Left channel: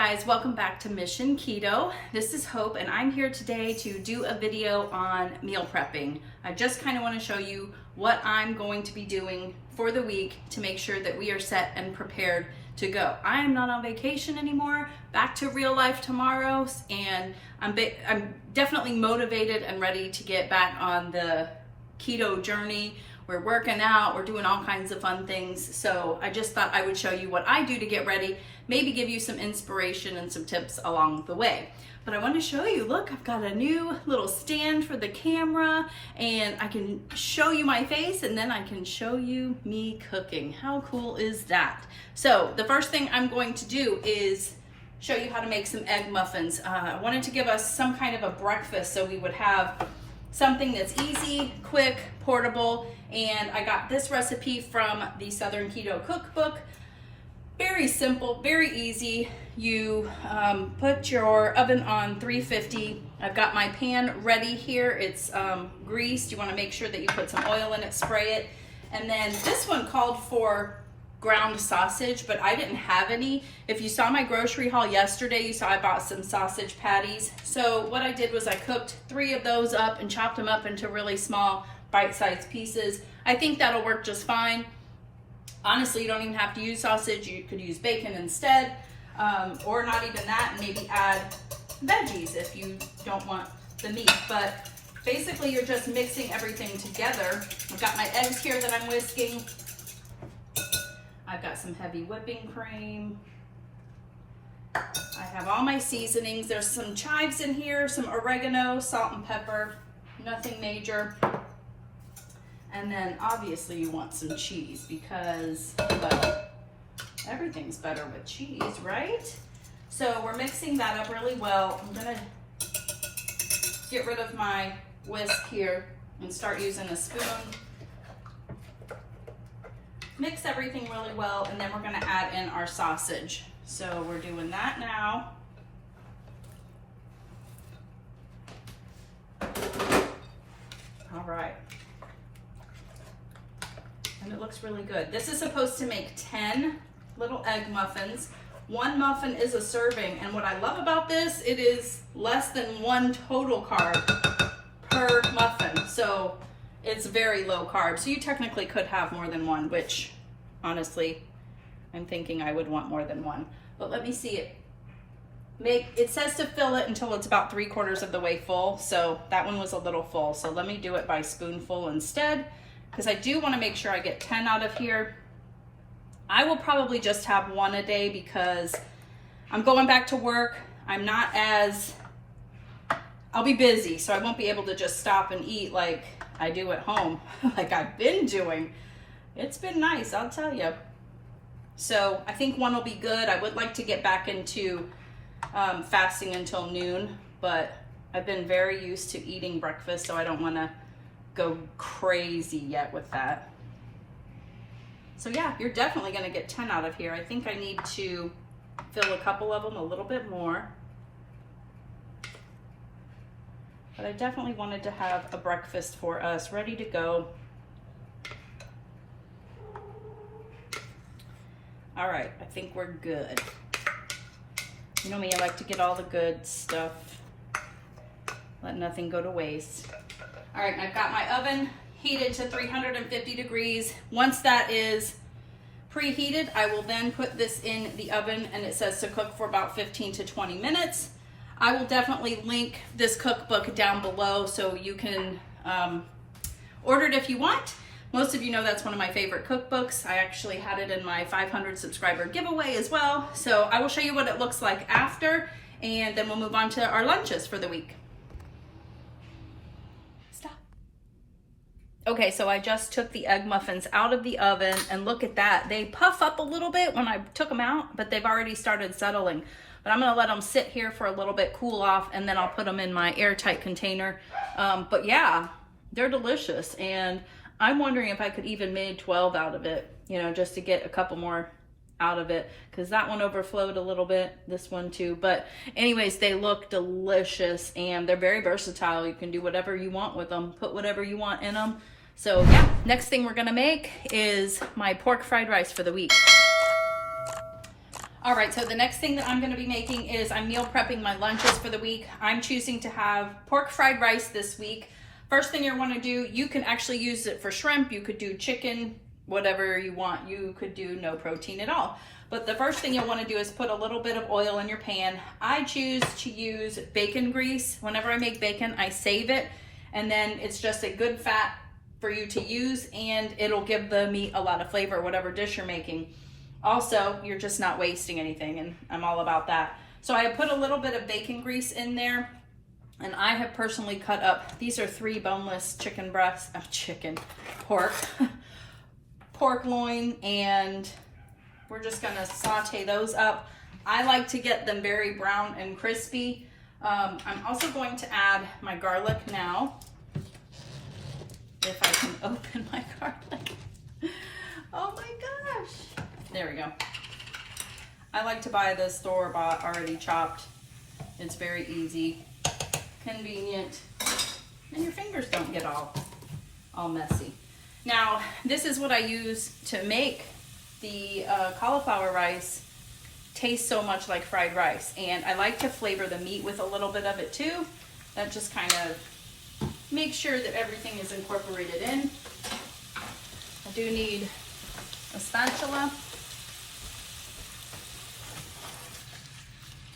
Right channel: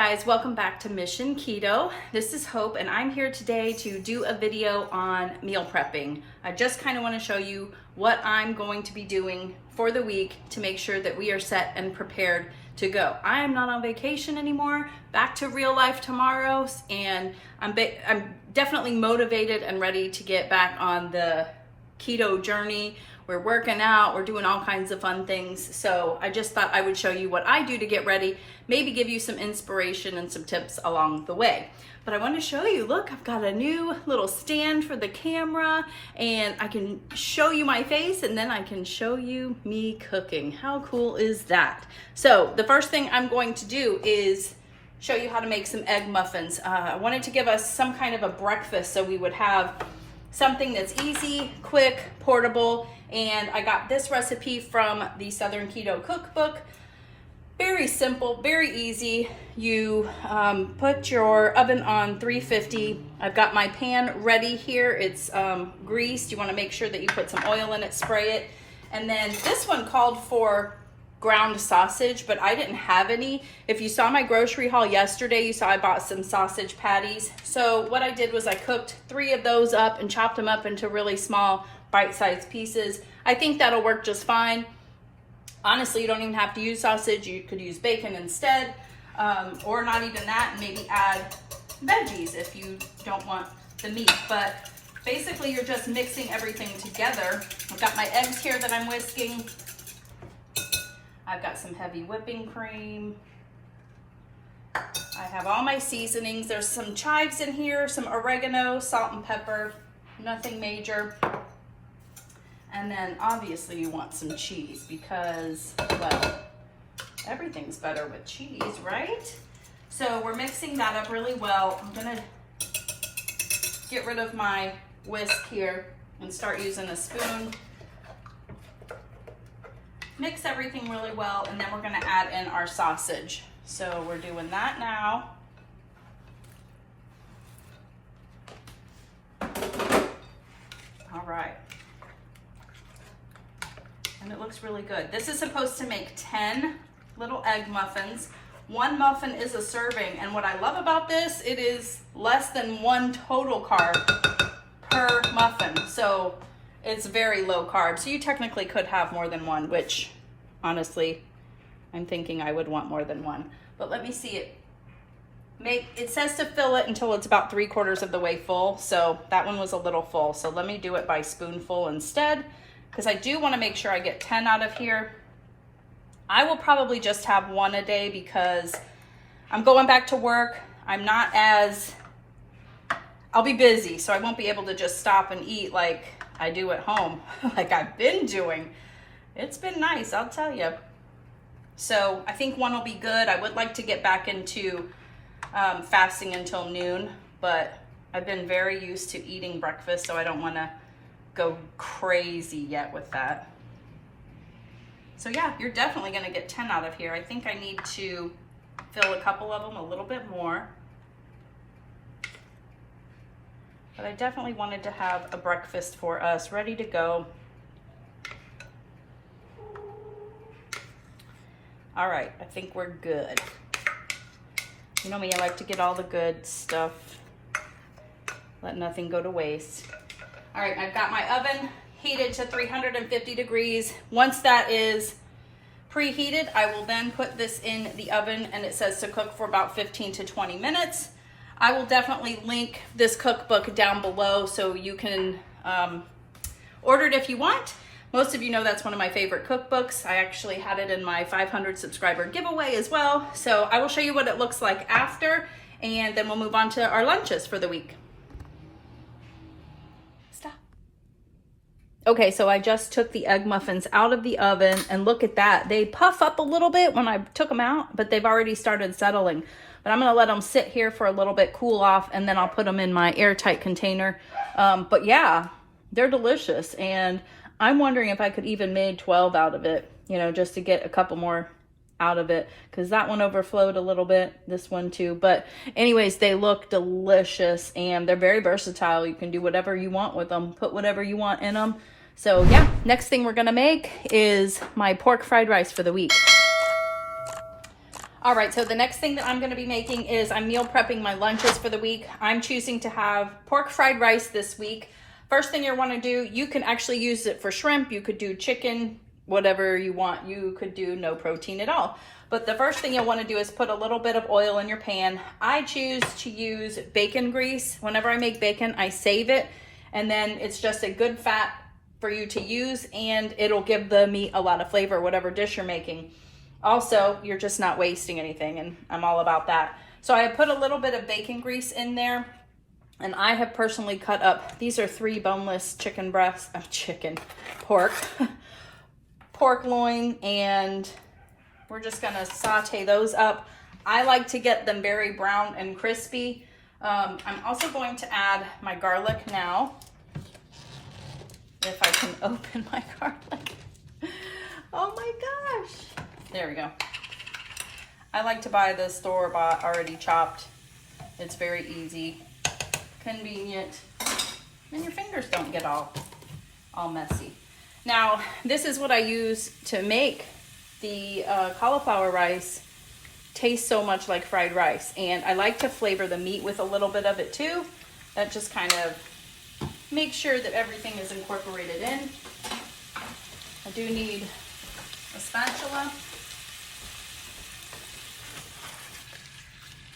guys, welcome back to Mission Keto. This is Hope and I'm here today to do a video on meal prepping. I just kind of want to show you what I'm going to be doing for the week to make sure that we are set and prepared to go. I am not on vacation anymore, back to real life tomorrow, and I'm definitely motivated and ready to get back on the keto journey. We're working out, we're doing all kinds of fun things. So I just thought I would show you what I do to get ready, maybe give you some inspiration and some tips along the way. But I want to show you, look, I've got a new little stand for the camera and I can show you my face and then I can show you me cooking. How cool is that? So the first thing I'm going to do is show you how to make some egg muffins. I wanted to give us some kind of a breakfast so we would have something that's easy, quick, portable, and I got this recipe from the Southern Keto Cookbook. Very simple, very easy. You put your oven on 350. I've got my pan ready here. It's greased. You want to make sure that you put some oil in it, spray it. And then this one called for ground sausage, but I didn't have any. If you saw my grocery haul yesterday, you saw I bought some sausage patties. So what I did was I cooked 3 of those up and chopped them up into really small bite-sized pieces. I think that'll work just fine. Honestly, you don't even have to use sausage. You could use bacon instead, or not even that, maybe add veggies if you don't want the meat. But basically you're just mixing everything together. I've got my eggs here that I'm whisking. I've got some heavy whipping cream. I have all my seasonings. There's some chives in here, some oregano, salt and pepper, nothing major. And then obviously you want some cheese because, well, everything's better with cheese, right? So we're mixing that up really well. I'm gonna get rid of my whisk here and start using a spoon. Mix everything really well, and then we're gonna add in our sausage. So we're doing that now. All right. And it looks really good. This is supposed to make 10 little egg muffins. 1 muffin is a serving, and what I love about this, it is less than 1 total carb per muffin. So it's very low carb. So you technically could have more than 1, which honestly, I'm thinking I would want more than 1. But let me see it. It says to fill it until it's about 3/4 of the way full. So that one was a little full. So let me do it by spoonful instead, because I do want to make sure I get 10 out of here. I will probably just have 1 a day because I'm going back to work. I'll be busy, so I won't be able to just stop and eat like I do at home, like I've been doing. It's been nice, I'll tell you. So I think 1 will be good. I would like to get back into fasting until noon, but I've been very used to eating breakfast, so I don't want to go crazy yet with that. So yeah, you're definitely going to get 10 out of here. I think I need to fill a couple of them a little bit more. But I definitely wanted to have a breakfast for us ready to go. All right, I think we're good. You know me, I like to get all the good stuff. Let nothing go to waste. All right, I've got my oven heated to 350 degrees. Once that is preheated, I will then put this in the oven, and it says to cook for about 15 to 20 minutes. I will definitely link this cookbook down below so you can order it if you want. Most of you know that's one of my favorite cookbooks. I actually had it in my 500 subscriber giveaway as well. So I will show you what it looks like after, and then we'll move on to our lunches for the week. Okay, so I just took the egg muffins out of the oven, and look at that. They puff up a little bit when I took them out, but they've already started settling. But I'm gonna let them sit here for a little bit, cool off, and then I'll put them in my airtight container. But yeah, they're delicious, and I'm wondering if I could even make 12 out of it, you know, just to get a couple more out of it, because that one overflowed a little bit, this one too. But anyways, they look delicious, and they're very versatile. You can do whatever you want with them, put whatever you want in them. So yeah, next thing we're gonna make is my pork fried rice for the week. All right, so the next thing that I'm gonna be making is I'm meal prepping my lunches for the week. I'm choosing to have pork fried rice this week. First thing you wanna do, you can actually use it for shrimp, you could do chicken, whatever you want. You could do no protein at all. But the first thing you'll wanna do is put a little bit of oil in your pan. I choose to use bacon grease. Whenever I make bacon, I save it, and then it's just a good fat for you to use, and it'll give the meat a lot of flavor, whatever dish you're making. Also, you're just not wasting anything, and I'm all about that. So I put a little bit of bacon grease in there, and I have personally cut up, these are 3 boneless chicken breasts, pork, pork loin, and we're just gonna saute those up. I like to get them very brown and crispy. I'm also going to add my garlic now, if I can open my garlic. Oh my gosh. There we go. I like to buy the store-bought already chopped. It's very easy, convenient, and your fingers don't get all messy. Now, this is what I use to make the cauliflower rice taste so much like fried rice. And I like to flavor the meat with a little bit of it too. That just kind of makes sure that everything is incorporated in. I do need a spatula.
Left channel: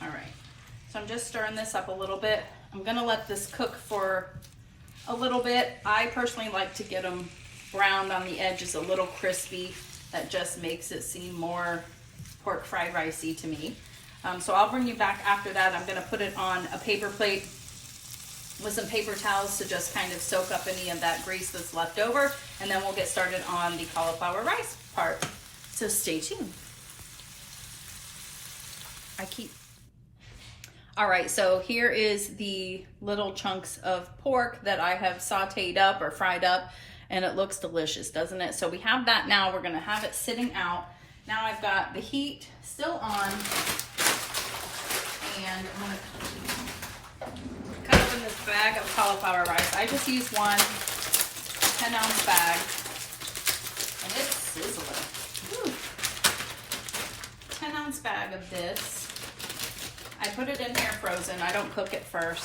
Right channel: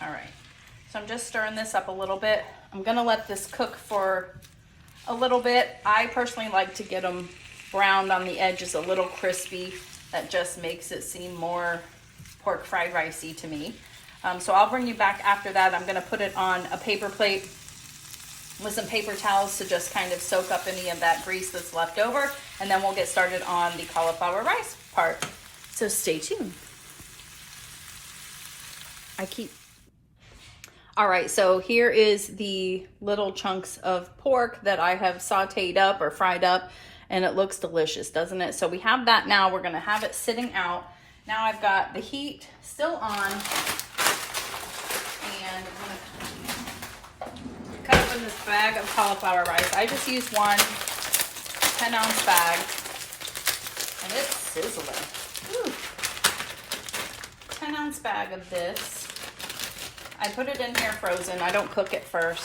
All right, so I'm just stirring this up a little bit. I'm gonna let this cook for a little bit. I personally like to get them browned on the edges, a little crispy. That just makes it seem more pork fried ricey to me. So I'll bring you back after that. I'm gonna put it on a paper plate with some paper towels to just kind of soak up any of that grease that's left over, and then we'll get started on the cauliflower rice part. So stay tuned. All right, so here is the little chunks of pork that I have sauteed up or fried up, and it looks delicious, doesn't it? So we have that now. We're gonna have it sitting out. Now I've got the heat still on, and I'm gonna cut open this bag of cauliflower rice. I just used one 10-ounce bag, and it's sizzling. Woo. 10-ounce bag of this. I put it in here frozen. I don't cook it first.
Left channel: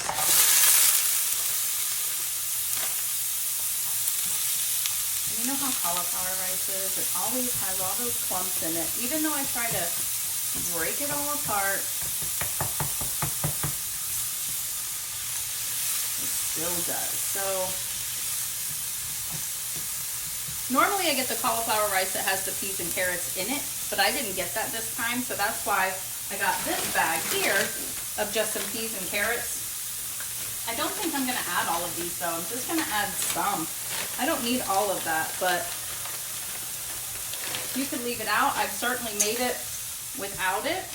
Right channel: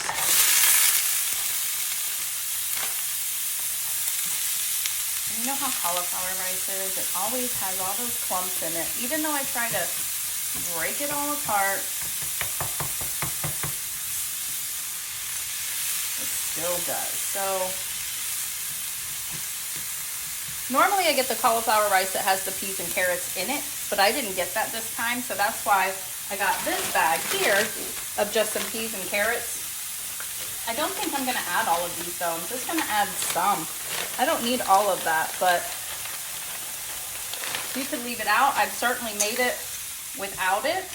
And you know how cauliflower rice is? It always has all those clumps in it. Even though I try to break it all apart, it still does. So normally I get the cauliflower rice that has the peas and carrots in it, but I didn't get that this time, so that's why I got this bag here of just some peas and carrots. I don't think I'm gonna add all of these though. I'm just gonna add some. I don't need all of that, but you could leave it out. I've certainly made it without it,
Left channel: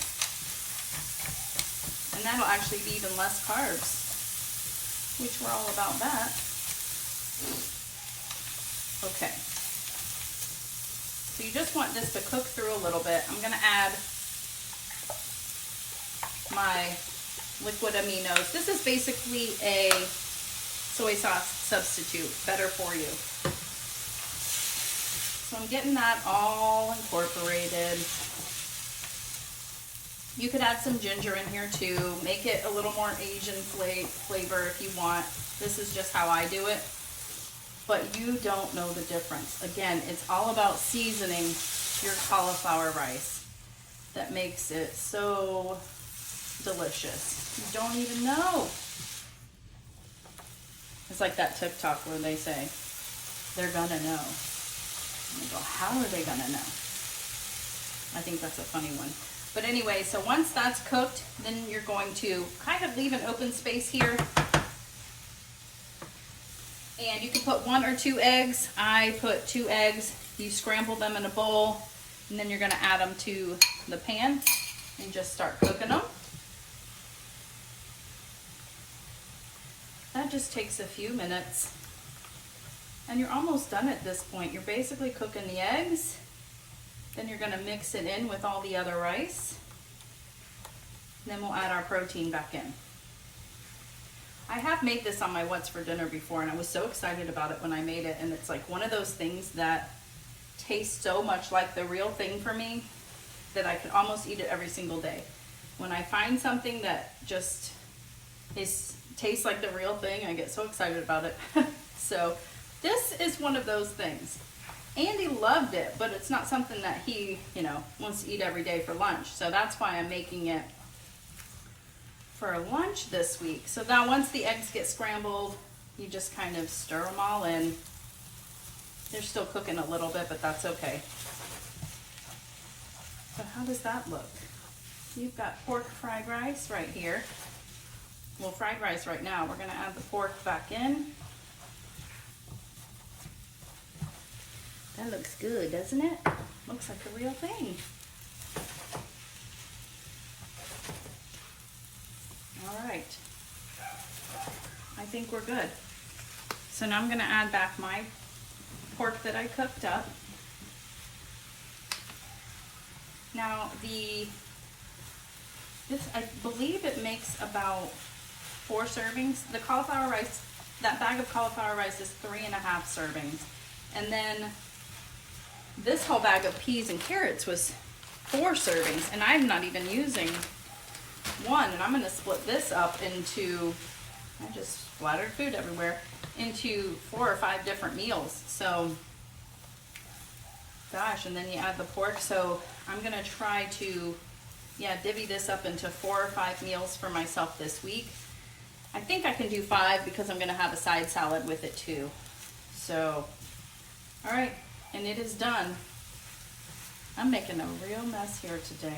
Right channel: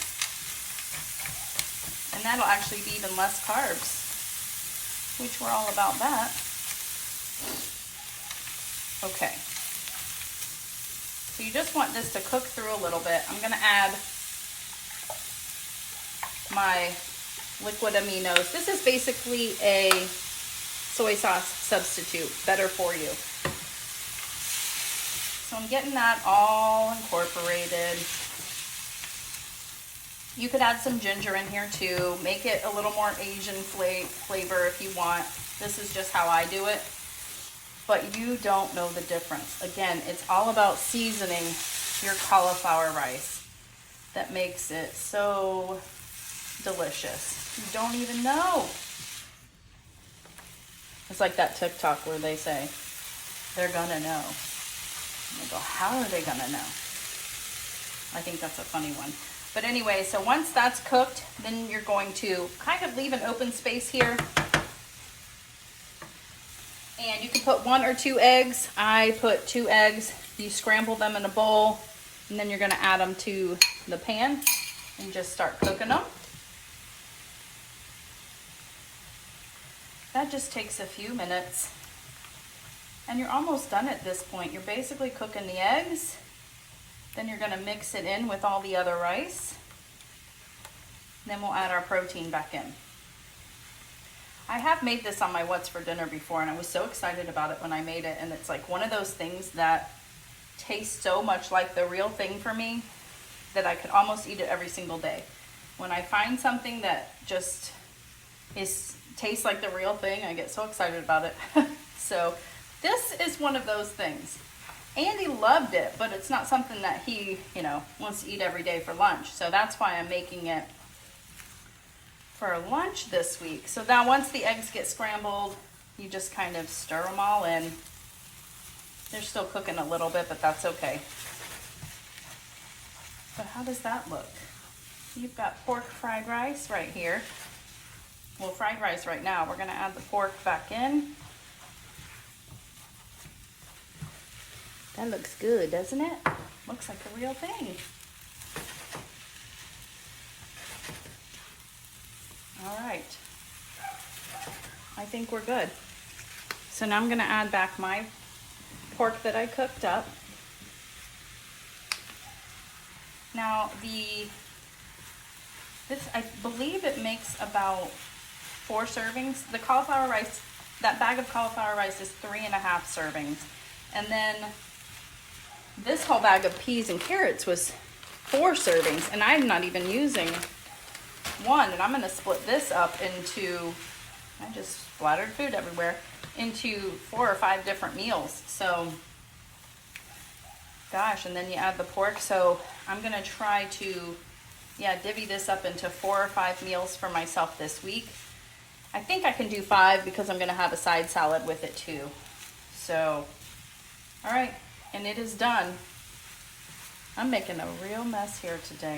and that'll actually be even less carbs, which we're all about that. Okay. So you just want this to cook through a little bit. I'm gonna add my liquid aminos. This is basically a soy sauce substitute, better for you. So I'm getting that all incorporated. You could add some ginger in here too, make it a little more Asian flavor if you want. This is just how I do it, but you don't know the difference. Again, it's all about seasoning your cauliflower rice. That makes it so delicious. You don't even know. It's like that TikTok where they say, they're gonna know. And they go, how are they gonna know? I think that's a funny one. But anyway, so once that's cooked, then you're going to kind of leave an open space here. And you can put 1 or 2 eggs. I put 2 eggs. You scramble them in a bowl, and then you're gonna add them to the pan and just start cooking them. That just takes a few minutes, and you're almost done at this point. You're basically cooking the eggs, then you're gonna mix it in with all the other rice, then we'll add our protein back in. I have made this on my What's for Dinner before, and I was so excited about it when I made it, and it's like one of those things that tastes so much like the real thing for me. that I could almost eat it every single day. When I find something that just tastes like the real thing, I get so excited about it. So this is one of those things. Andy loved it, but it's not something that he, wants to eat every day for lunch. So that's why I'm making it for lunch this week. So now once the eggs get scrambled, you just kind of stir them all in. They're still cooking a little bit, but that's okay. But how does that look? You've got pork fried rice right here. Well, fried rice right now. We're gonna add the pork back in. That looks good, doesn't it? Looks like a real thing. All right. I think we're good. So now I'm gonna add back my pork that I cooked up. Now I believe it makes about 4 servings. The cauliflower rice, that bag of cauliflower rice is 3.5 servings. And then this whole bag of peas and carrots was 4 servings, and I'm not even using one. And I'm gonna split this up into, I just splattered food everywhere, into 4 or 5 different meals. So, gosh, and then you add the pork. So I'm gonna try to, divvy this up into 4 or 5 meals for myself this week. I think I can do 5 because I'm gonna have a side salad with it too. So, all right, and it is done. I'm making a real mess here today.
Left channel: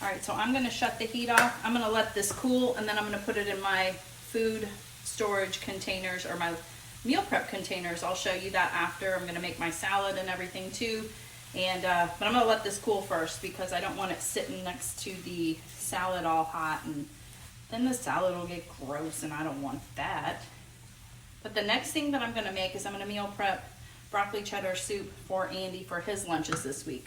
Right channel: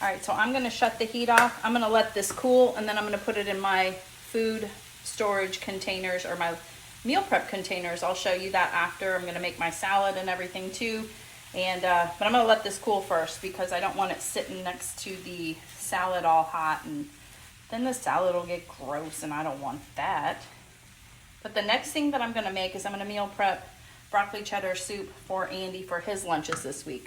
All right, so I'm gonna shut the heat off. I'm gonna let this cool, and then I'm gonna put it in my food storage containers, or my meal prep containers. I'll show you that after. I'm gonna make my salad and everything too. And but I'm gonna let this cool first because I don't want it sitting next to the salad all hot, and then the salad will get gross, and I don't want that. But the next thing that I'm gonna make is I'm gonna meal prep broccoli cheddar soup for Andy for his lunches this week.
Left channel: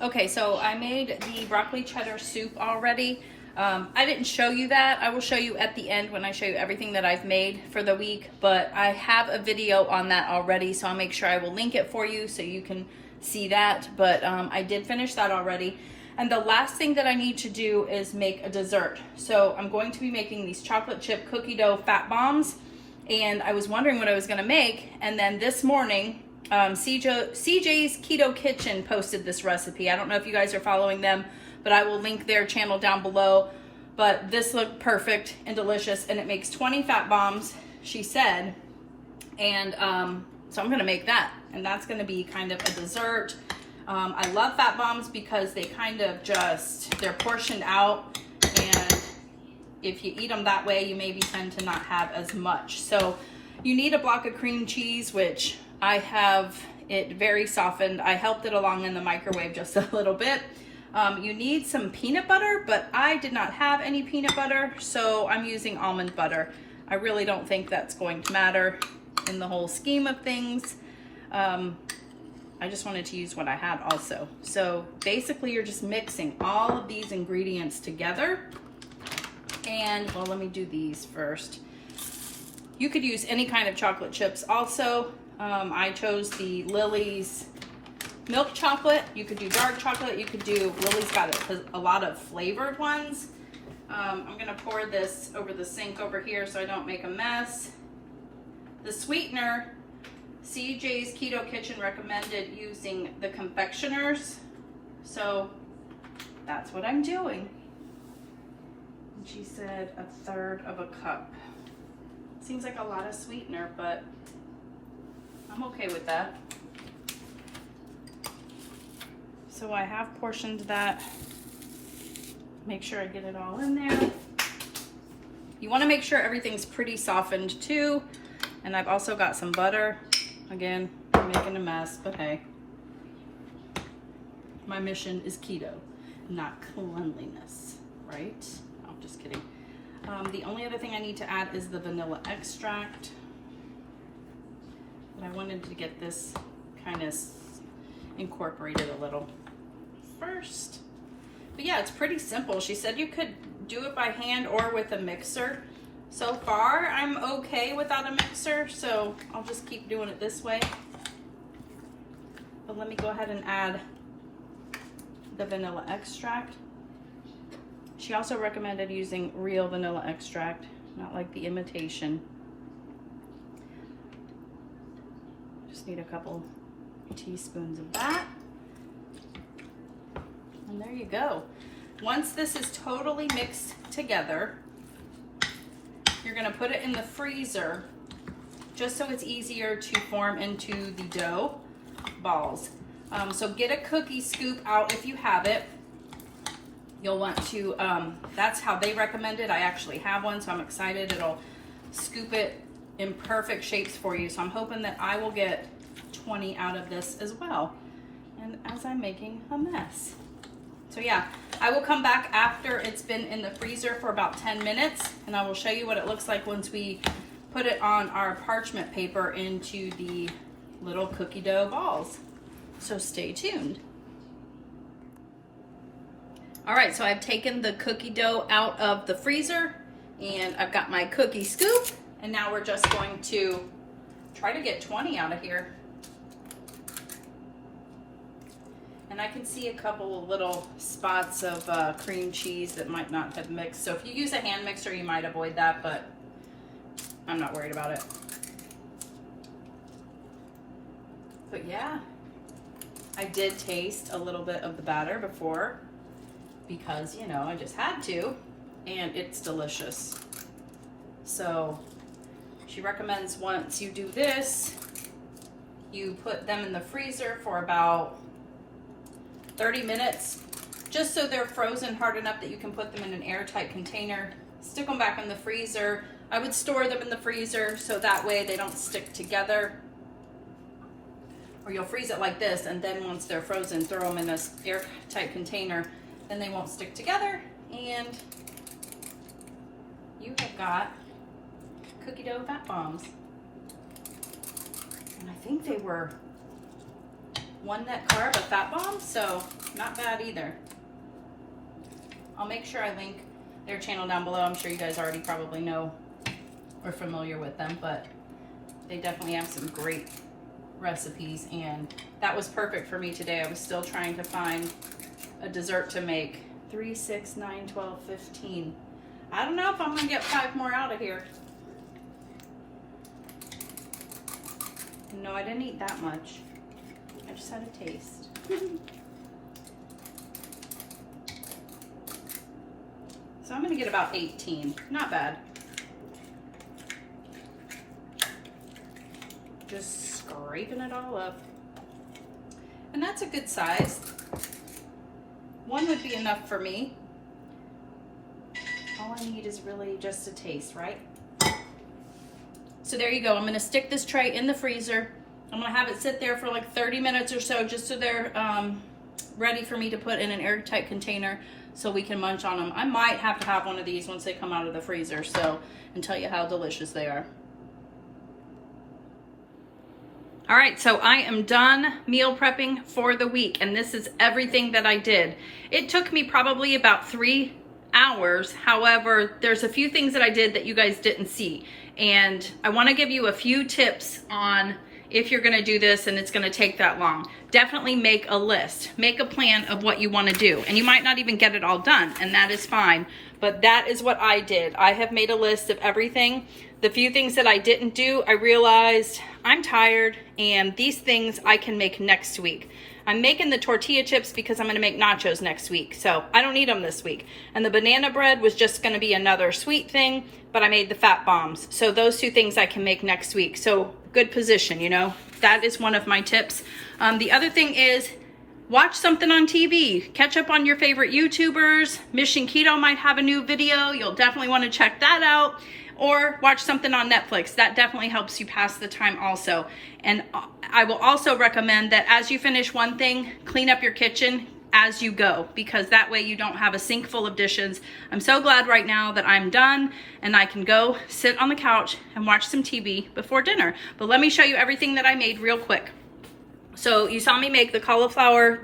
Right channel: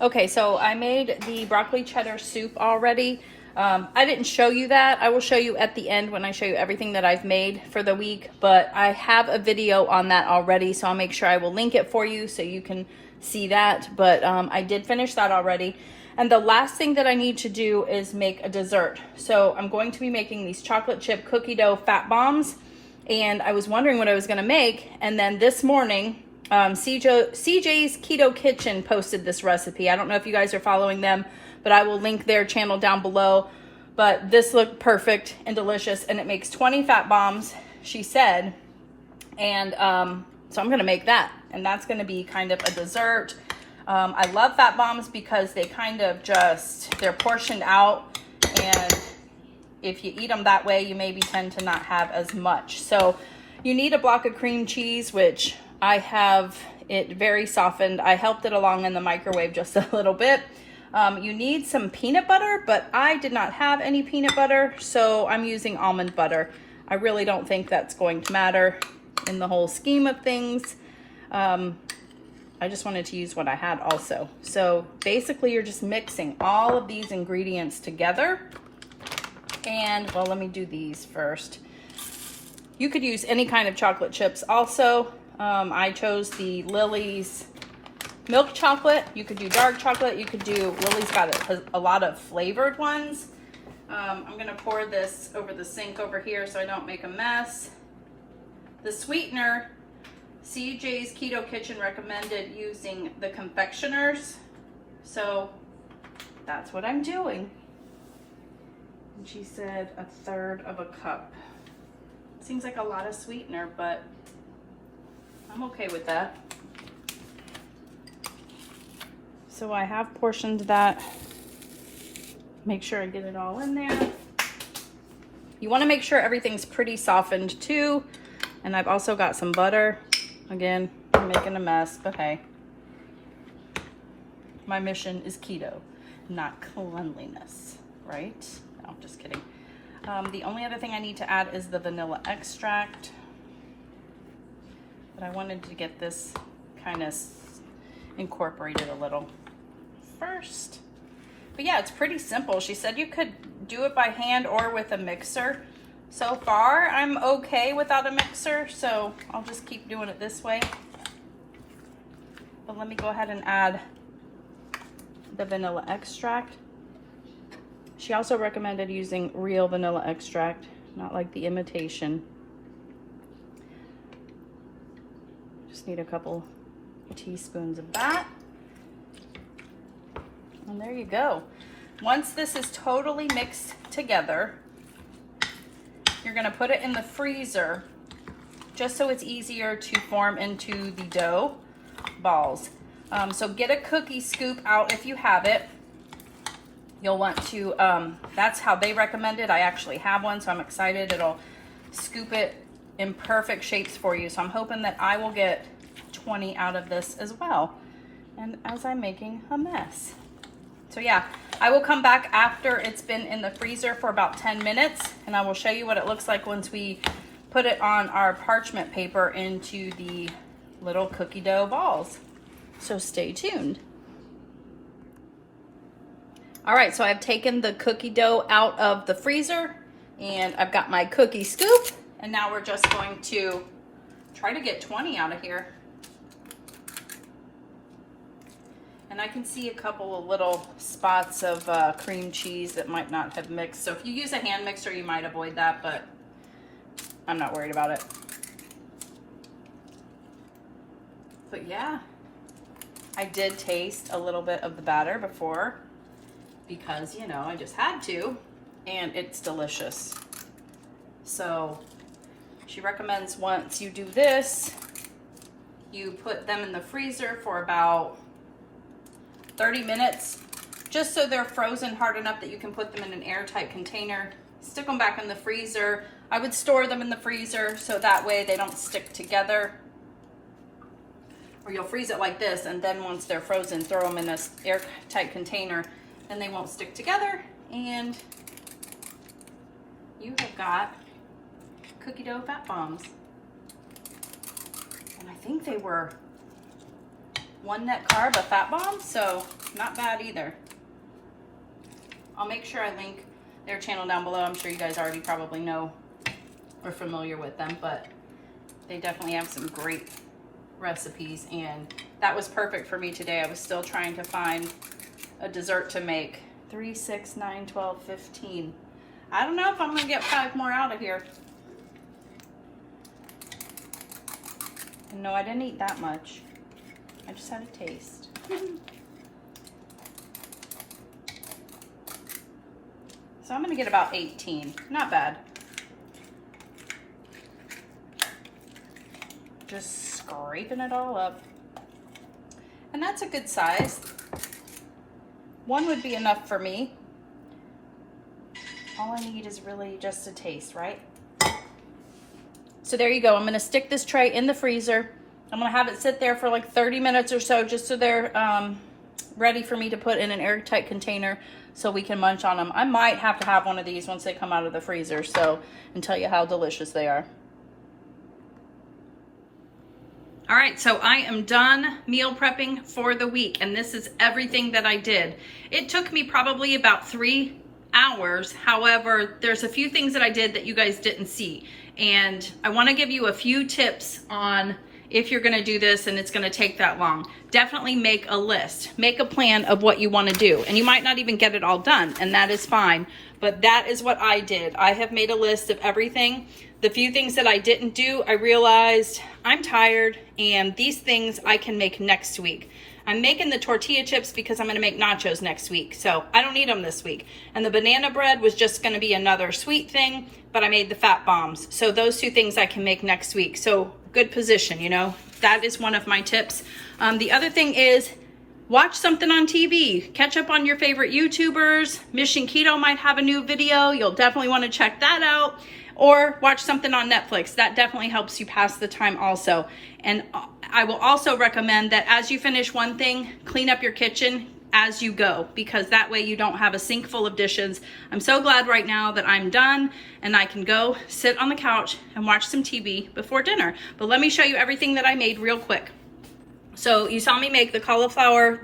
Okay, so I made the broccoli cheddar soup already. I didn't show you that. I will show you at the end when I show you everything that I've made for the week, but I have a video on that already, so I'll make sure I will link it for you so you can see that. But I did finish that already. And the last thing that I need to do is make a dessert. So I'm going to be making these chocolate chip cookie dough fat bombs, and I was wondering what I was gonna make, and then this morning, CJ's Keto Kitchen posted this recipe. I don't know if you guys are following them, but I will link their channel down below. But this looked perfect and delicious, and it makes 20 fat bombs, she said. And so I'm gonna make that, and that's gonna be kind of a dessert. I love fat bombs because they kind of they're portioned out, and if you eat them that way, you maybe tend to not have as much. So you need a block of cream cheese, which I have it very softened. I helped it along in the microwave just a little bit. You need some peanut butter, but I did not have any peanut butter, so I'm using almond butter. I really don't think that's going to matter in the whole scheme of things. I just wanted to use what I had also. So basically you're just mixing all of these ingredients together. And well, let me do these first. You could use any kind of chocolate chips also. I chose the Lily's milk chocolate. You could do dark chocolate. You could do, Lily's got a lot of flavored ones. I'm gonna pour this over the sink over here so I don't make a mess. The sweetener, CJ's Keto Kitchen recommended using the confectioners. So that's what I'm doing. And she said 1/3 of a cup. Seems like a lot of sweetener, but I'm okay with that. So I have portioned that. Make sure I get it all in there. You want to make sure everything's pretty softened too. And I've also got some butter. Again, I'm making a mess, but hey. My mission is keto, not cleanliness, right? No, I'm just kidding. The only other thing I need to add is the vanilla extract. But I wanted to get this kind of incorporated a little first. But yeah, it's pretty simple. She said you could do it by hand or with a mixer. So far, I'm okay without a mixer, so I'll just keep doing it this way. But let me go ahead and add the vanilla extract. She also recommended using real vanilla extract, not like the imitation. Just need a couple teaspoons of that. And there you go. Once this is totally mixed together, you're gonna put it in the freezer just so it's easier to form into the dough balls. So get a cookie scoop out if you have it. You'll want to, that's how they recommend it. I actually have one, so I'm excited. It'll scoop it in perfect shapes for you. So I'm hoping that I will get 20 out of this as well. And as I'm making a mess. So yeah, I will come back after it's been in the freezer for about 10 minutes, and I will show you what it looks like once we put it on our parchment paper into the little cookie dough balls. So stay tuned. All right, so I've taken the cookie dough out of the freezer, and I've got my cookie scoop, and now we're just going to try to get 20 out of here. And I can see a couple of little spots of cream cheese that might not have mixed. So if you use a hand mixer, you might avoid that, but I'm not worried about it. But yeah, I did taste a little bit of the batter before because, you know, I just had to, and it's delicious. So she recommends once you do this, you put them in the freezer for about 30 minutes, just so they're frozen hard enough that you can put them in an airtight container. Stick them back in the freezer. I would store them in the freezer so that way they don't stick together. Or you'll freeze it like this, and then once they're frozen, throw them in this airtight container, then they won't stick together, and you have got cookie dough fat bombs. And I think they were 1 net carb of fat bombs, so not bad either. I'll make sure I link their channel down below. I'm sure you guys already probably know or familiar with them, but they definitely have some great recipes, and that was perfect for me today. I was still trying to find a dessert to make. 3, 6, 9, 12, 15. I don't know if I'm gonna get 5 more out of here. And no, I didn't eat that much. I just had a taste. So I'm gonna get about 18. Not bad. Just scraping it all up. And that's a good size. 1 would be enough for me. All I need is really just a taste, right? So there you go. I'm gonna stick this tray in the freezer. I'm gonna have it sit there for like 30 minutes or so, just so they're ready for me to put in an airtight container so we can munch on them. I might have to have one of these once they come out of the freezer, so, and tell you how delicious they are. All right, so I am done meal prepping for the week, and this is everything that I did. It took me probably about 3 hours. However, there's a few things that I did that you guys didn't see, and I want to give you a few tips on if you're gonna do this and it's gonna take that long. Definitely make a list. Make a plan of what you wanna do. And you might not even get it all done, and that is fine. But that is what I did. I have made a list of everything. The few things that I didn't do, I realized I'm tired, and these things I can make next week. I'm making the tortilla chips because I'm gonna make nachos next week, so I don't need them this week. And the banana bread was just gonna be another sweet thing, but I made the fat bombs. So those 2 things I can make next week. So good position, you know? That is one of my tips. The other thing is watch something on TV. Catch up on your favorite YouTubers. Mission Keto might have a new video. You'll definitely wanna check that out. Or watch something on Netflix. That definitely helps you pass the time also. And I will also recommend that as you finish one thing, clean up your kitchen as you go, because that way you don't have a sink full of dishes. I'm so glad right now that I'm done and I can go sit on the couch and watch some TV before dinner. But let me show you everything that I made real quick. So you saw me make the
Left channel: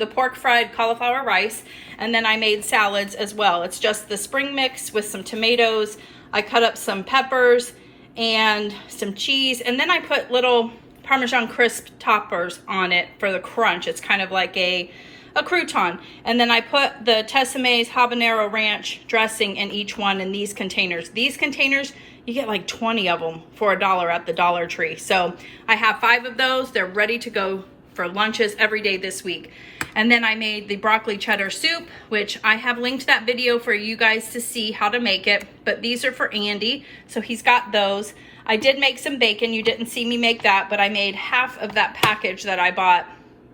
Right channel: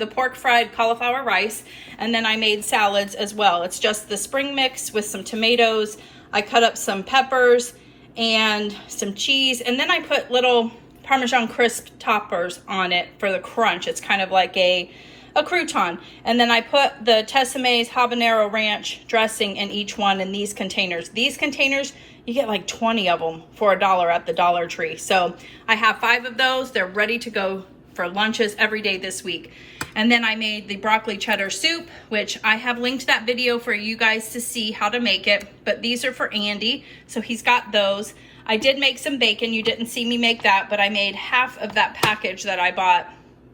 pork fried cauliflower rice, and then I made salads as well. It's just the spring mix with some tomatoes. I cut up some peppers and some cheese, and then I put little Parmesan crisp toppers on it for the crunch. It's kind of like a crouton. And then I put the Tessemae's habanero ranch dressing in each one in these containers. These containers, you get like 20 of them for $1 at the Dollar Tree. So I have 5 of those. They're ready to go for lunches every day this week. And then I made the broccoli cheddar soup, which I have linked that video for you guys to see how to make it. But these are for Andy, so he's got those. I did make some bacon. You didn't see me make that, but I made half of that package that I bought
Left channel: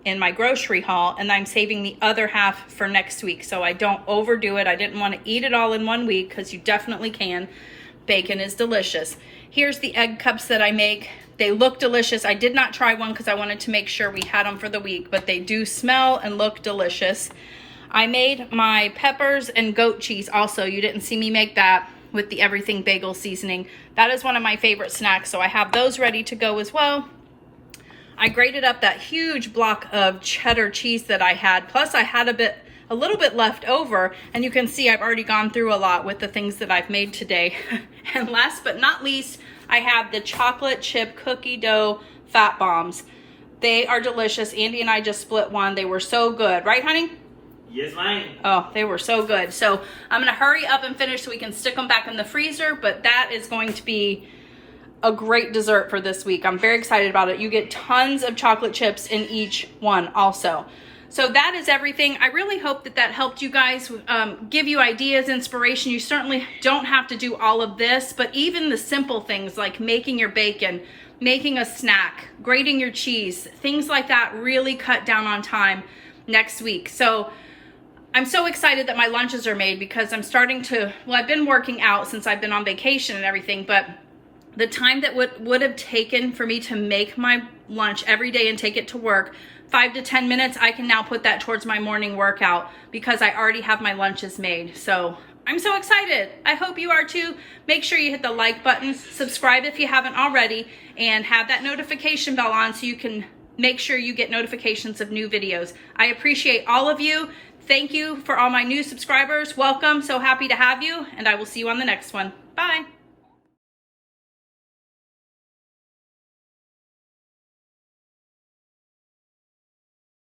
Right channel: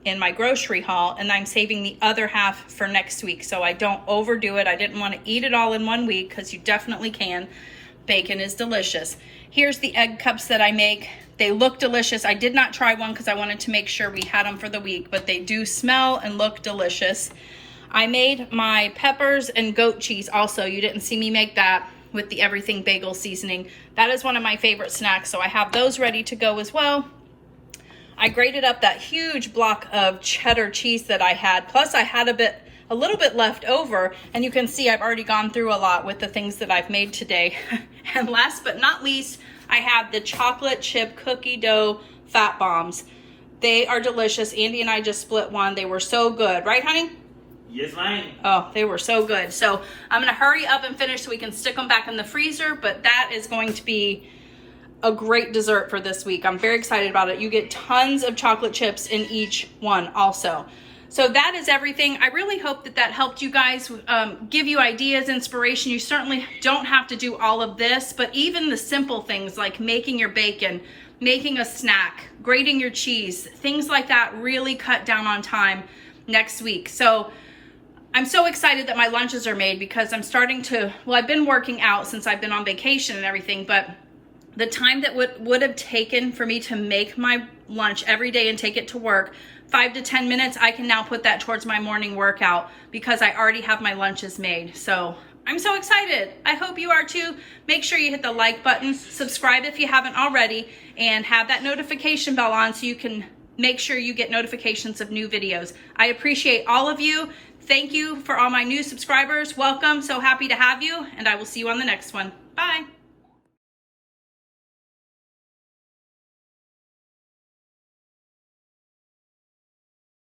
in my grocery haul, and I'm saving the other half for next week so I don't overdo it. I didn't want to eat it all in one week because you definitely can. Bacon is delicious. Here's the egg cups that I make. They look delicious. I did not try one because I wanted to make sure we had them for the week, but they do smell and look delicious. I made my peppers and goat cheese also. You didn't see me make that with the everything bagel seasoning. That is one of my favorite snacks, so I have those ready to go as well. I grated up that huge block of cheddar cheese that I had, plus I had a little bit left over, and you can see I've already gone through a lot with the things that I've made today. And last but not least, I have the chocolate chip cookie dough fat bombs. They are delicious. Andy and I just split one. They were so good, right honey? Yes, ma'am. Oh, they were so good. So I'm gonna hurry up and finish so we can stick them back in the freezer, but that is going to be a great dessert for this week. I'm very excited about it. You get tons of chocolate chips in each one also. So that is everything. I really hope that that helped you guys, give you ideas, inspiration. You certainly don't have to do all of this, but even the simple things like making your bacon, making a snack, grating your cheese, things like that really cut down on time next week. So I'm so excited that my lunches are made because I'm starting to, well, I've been working out since I've been on vacation and everything, but the time that would have taken for me to make my lunch every day and take it to work, 5 to 10 minutes, I can now put that towards my morning workout because I already have my lunches made. So I'm so excited. I hope you are too. Make sure you hit the like button, subscribe if you haven't already, and have that notification bell on so you can make sure you get notifications of new videos. I appreciate all of you. Thank you for all my new subscribers. Welcome. So happy to have you, and I will see you on the next one. Bye.